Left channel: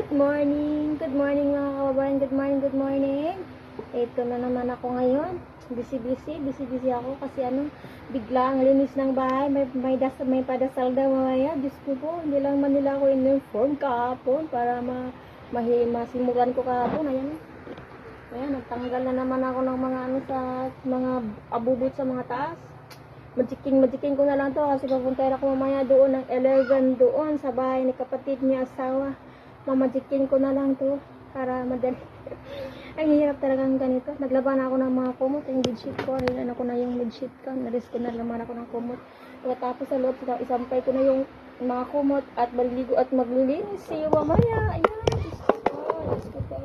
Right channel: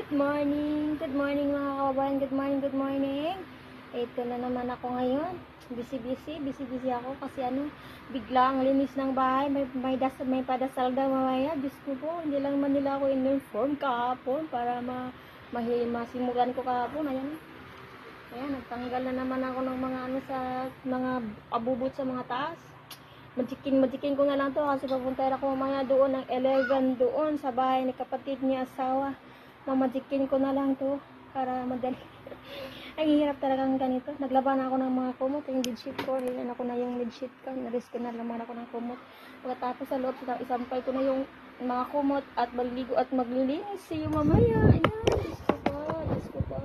Good morning mga kababayan. Good morning. Ito na naman ako ngayon. Busy ako kasi bigla ang linis ng bahay. May padasal daw mamaya. Diyos ko po, hindi lang man nila ako in-inform kahapon para masimulan ko kahapon. Ayan, nagtanggal na naman ako ng mga sa mga abubot sa mga taas. Majiking ko na lang to kasi papunta ako mamaya doon ng 11 doon sa bahay ni kapatid ni asawa. Mamajikin ko na lang to para madali. Ang hirap talagang ganito. Naglaban ako ng mga kumot, yung bedsheet ko. Hilan ako na yung bedsheet ko. Naris ko na naman ako ng kumot. Pagkatapos sa loob, isampay ko na yung mga kumot at maliligo at maglilinis. See you mamaya. Ayan, Diyos ko pa.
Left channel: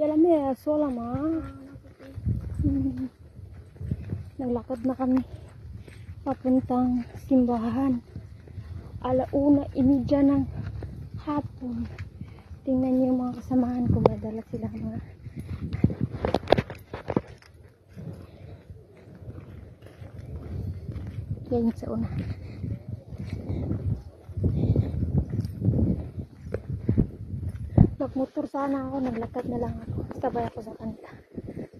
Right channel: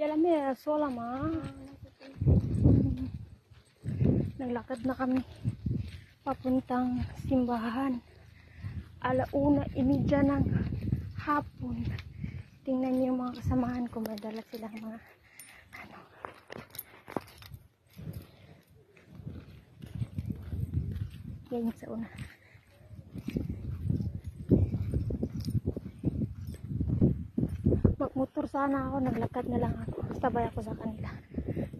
Yala may sola ma. Naglakad na kami papuntang simbahan. 1:30 ng hapon. Tingnan niyo yung mga kasamahan ko, madala sila mga yan sa una. Magmotor sana ako, naglakad na lang ako. Sabay ako sa kanila.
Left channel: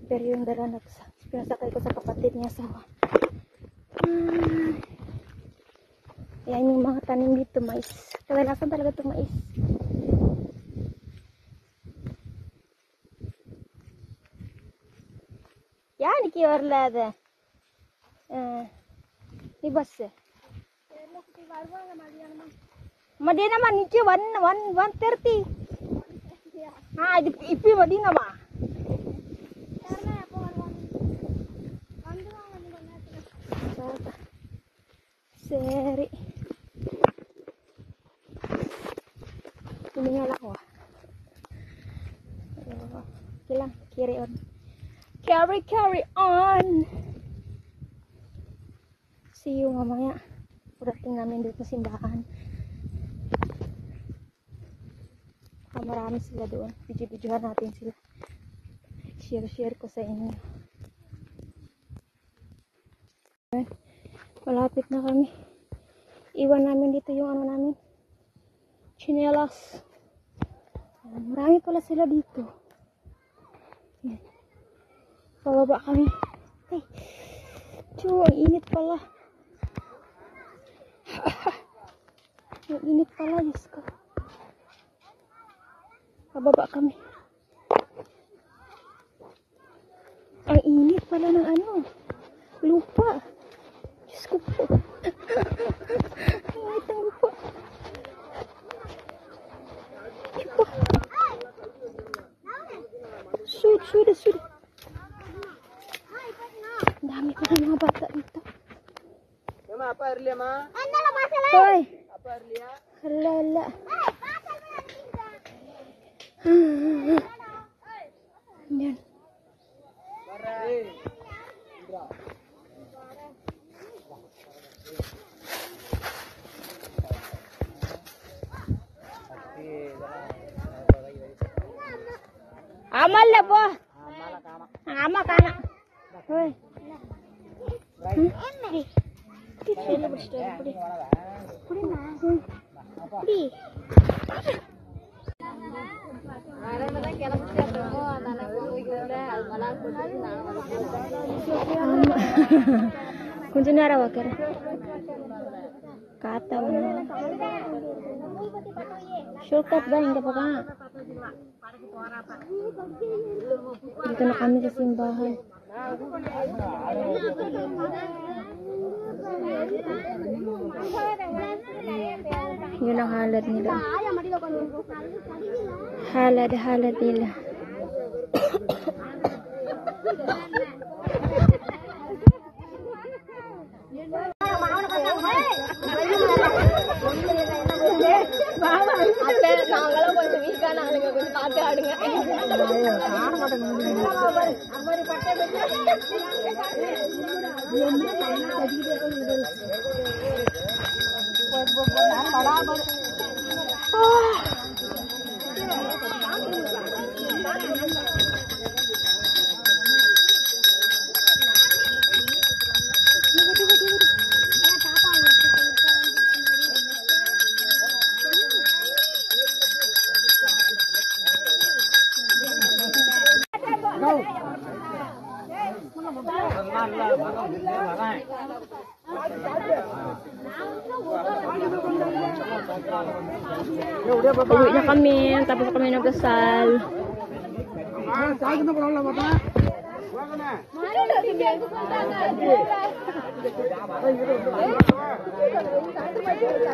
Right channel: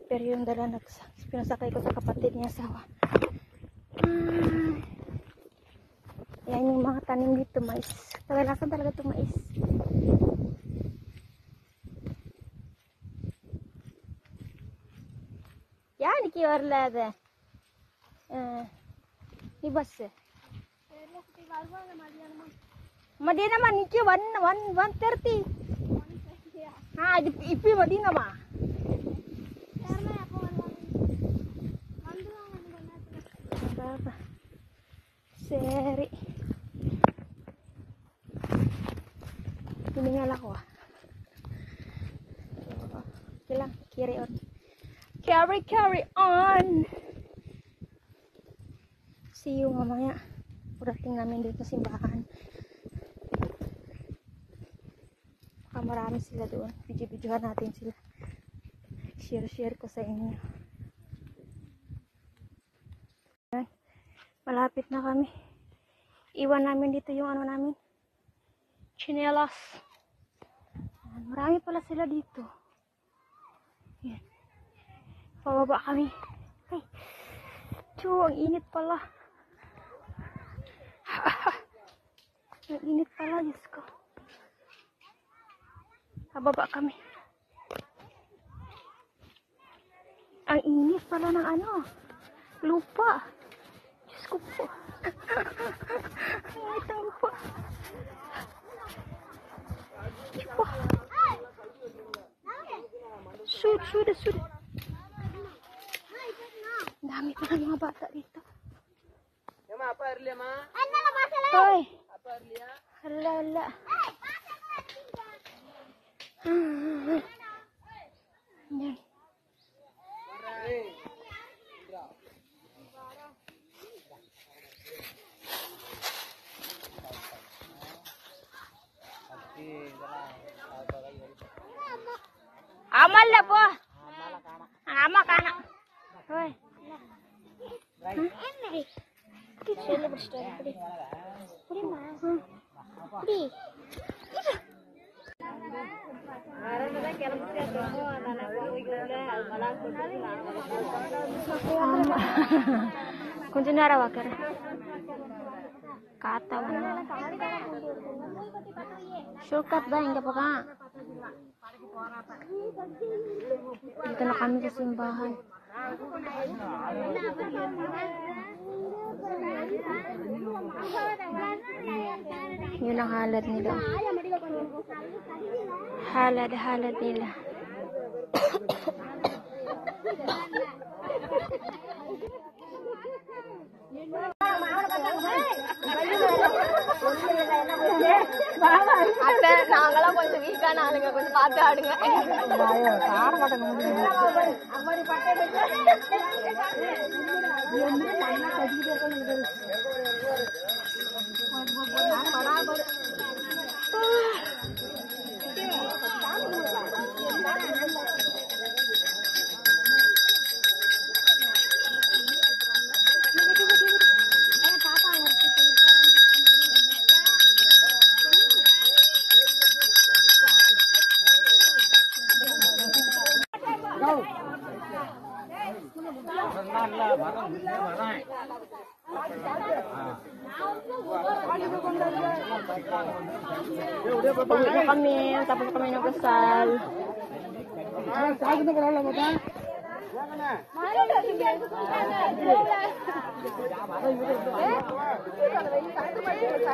Pero yung dala pinasakay ko sa kapatid niya asawa. Yan yung mga tanim dito, mais. Kagalasan talaga itong mais. Yan, ikiwarlada. Ibas eh. Madi naman, iki 130. Ha, ipi madi naman. Seri. Hiningal ako Okay lang, carry on. Carry on. See you mamaya. Pagdating namin dito sa simbahan. Marami sila doon. Video-videohan natin sila. Share ko sa inyo. Malapit na kami. Iwan namin dito yung namin. Chinelas. Marami pala sila dito. Yan. Pababa kami. Ay. Ang init pala. Ang init pala, Diyos ko. Pababa kami. Ang init pala ng lupa. Diyos ko po. Ang init ng lupa. Sud. Ang dami pa rin mga bata dito. Hoy. Halala. Yan. Amal lah po. Amak anak. Hoy. Kunci nara wakar. Kata mana? Shortcut ba enggak apa? Dito na kami sa simbahan. Yun ang halad nila. Halad nila. Ate, நாங்களாம் கொஞ்சம் வீக்கான ஆளுங்க, கொஞ்சம் பார்த்து ஆடுங்க. Uwi na kami, tapos kami nagdasal.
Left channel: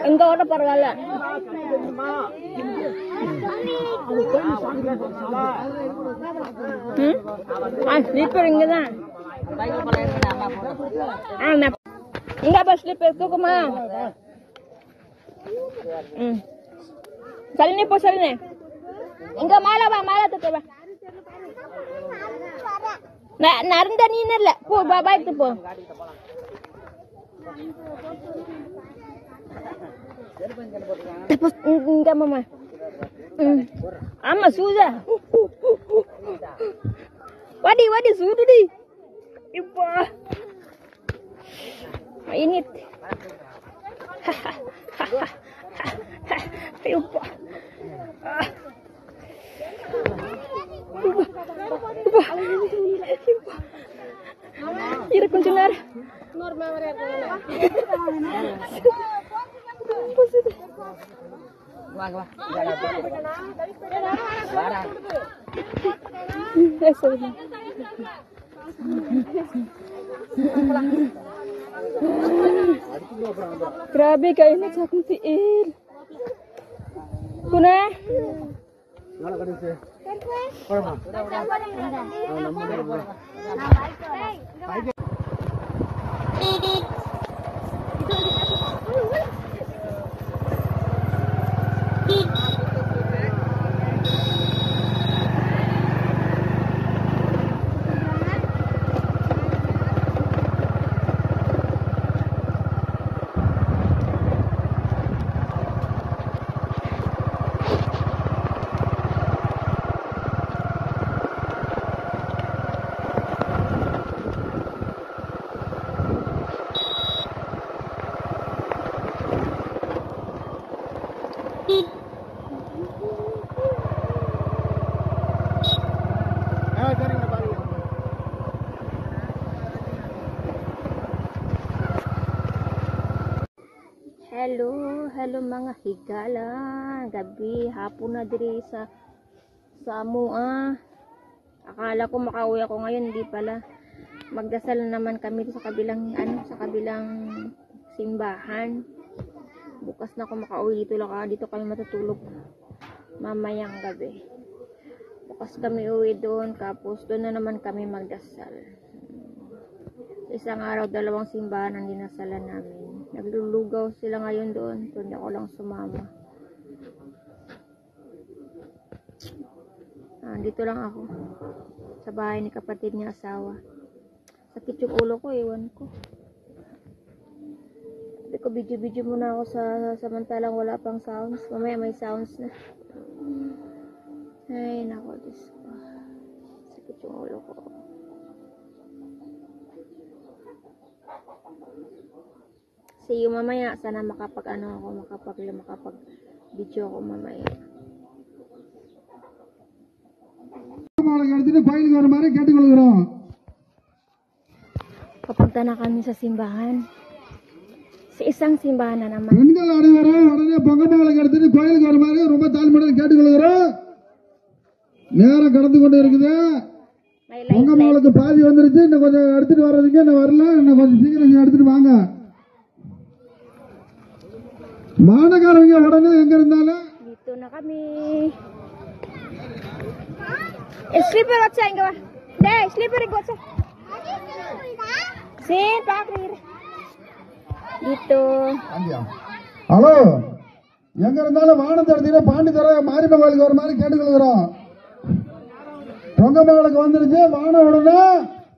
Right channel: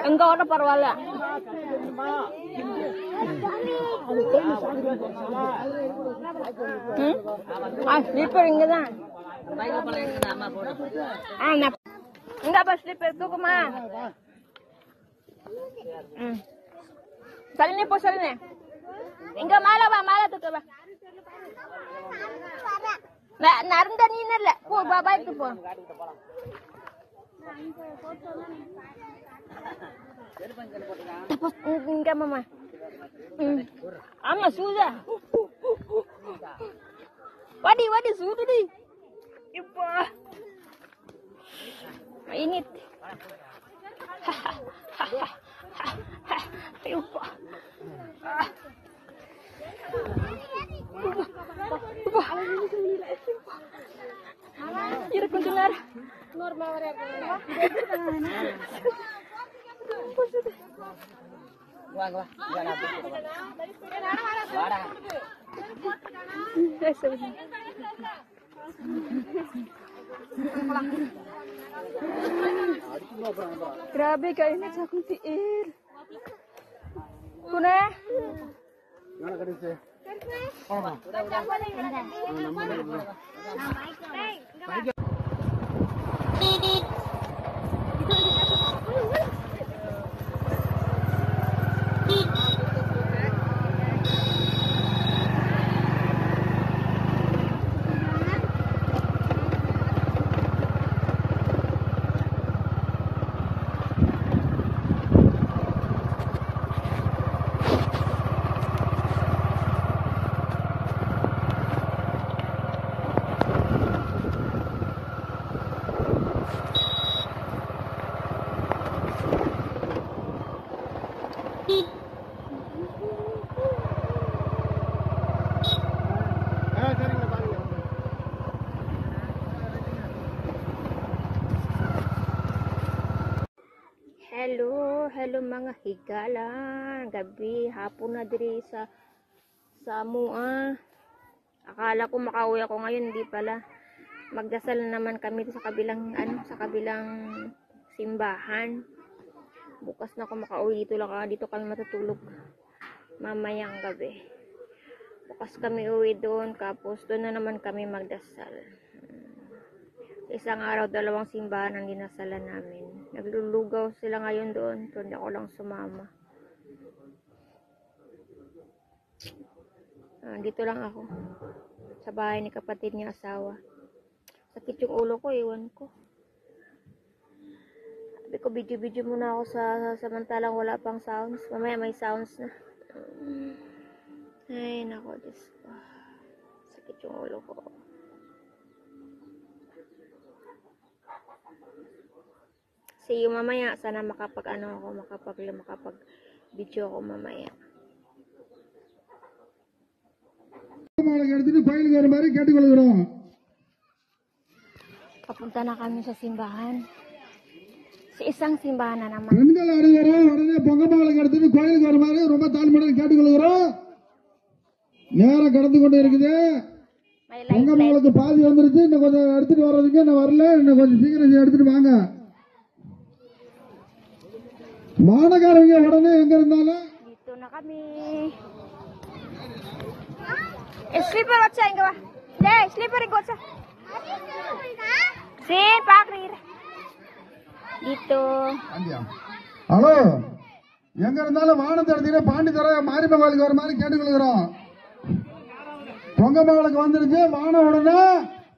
Enggak ada parwala. Slipper enggak? Enggak ba slipper ko kumain? Salin po, salin. Enggak malah tuh coba. Narenda ni nala. Po babay to po. Tapos enggak mama. Ama suja. Wadi sudu di. Ipa. Mainit. Ipa. Ira kunjular. Normal ya grabe kayo na sa aking tiil. Kuna? Hello mga higala. Gabi, hapon na diri sa Amua. Akala ko makauwi ako ngayon, hindi pala. Magdasal naman kami sa kabilang sa kabilang simbahan. Bukas na ako makauwi dito kami matutulog mamayang gabi. Bukas kami uwi doon, tapos doon na naman kami magdasal. Isang araw, 2 simbahan ang dinasalan namin. Naglulugaw sila ngayon doon, so hindi ako lang sumama. Dito lang ako sa bahay ni kapatid niya asawa. Sakit yung ulo ko, ewan ko. Sabi ko, video muna ako samantalang wala pang sounds. Mamaya may sounds na. Ay, nako, Diyos ko. Sakit yung ulo ko. See you mamaya. Sana makapag video ako mamaya. Papunta na kami sa simbahan. Sa isang simbahan na naman. நேரம் கடந்து கொண்டு இருக்குது. பொங்கமாளுக்கு பாதி வந்துருச்சு. இன்னும் கொஞ்சம் எடுத்துட்டு வர்றதுக்கு இன்னும் வரல. இன்னும் கொஞ்சம் சீக்கிரம் எடுத்துட்டு வாங்க. மாநகரங்க உடனே எங்க இருந்தாலும் dito na kami. Slipper what's saying ba? Deh, slipper go sa. Sin pakrir. Dito. Hello, எங்க இருந்தாலும் வானத்தை எடுத்தீங்கன்னா பாண்டித்துறை மாரியம்மன் கோயிலுக்கு வர மாதிரி கேட்டுக்கொள்கிறோம். பொங்கமாளுக்கு வந்துருச்சு. வானம் உடனே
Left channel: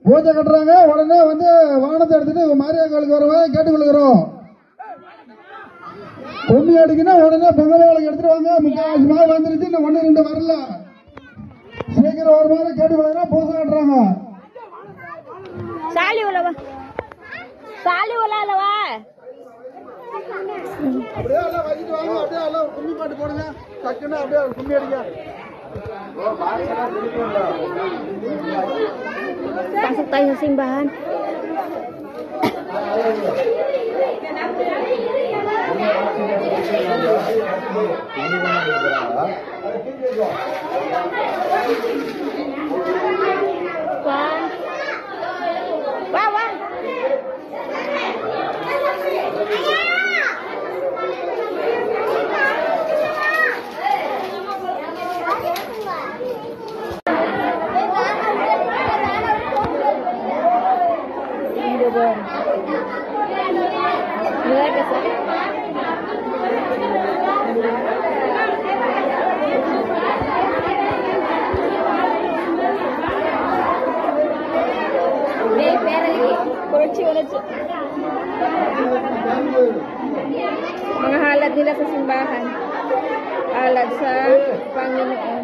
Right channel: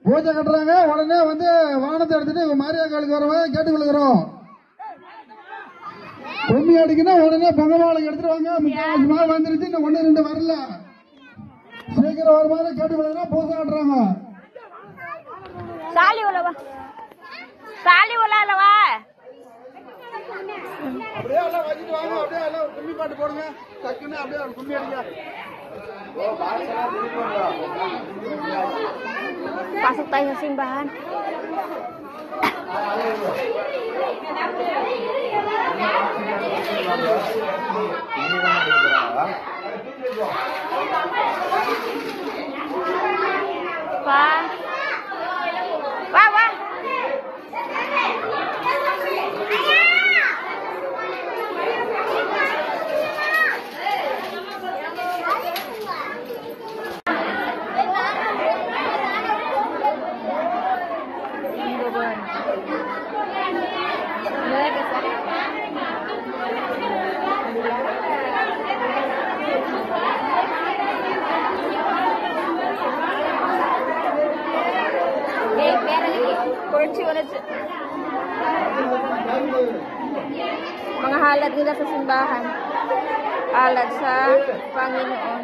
பூஜை கட்டுறாங்க. உடனே வந்து வானத்தை எடுத்துட்டு மாரியம்மன் கோயிலுக்கு வர மாதிரி கேட்டுக்கொள்கிறோம். பொம்மி அடிக்கணும் உடனே பொங்கமாளுக்கு எடுத்துட்டு வாங்க. 30 மாதம் வந்துருச்சு. இன்னும் 1 2 வரல. சீக்கிரம் வர மாதிரி கேட்டுக்கொள்கிறோம். பூஜை கட்டுறாங்க. சாலி உலாலவா அப்படியே எல்லாம் வச்சிட்டு வாங்க. அப்படியே எல்லாம் கும்மி பாட்டு போடுங்க. டக்குன்னு அப்படியே கும்மி அடிங்க. Pasok tayo sa simbahan. Pa. Wah, wah. Ini beban. Gila guys. Mga halad nila sa simbahan. Halad sa Panginoon.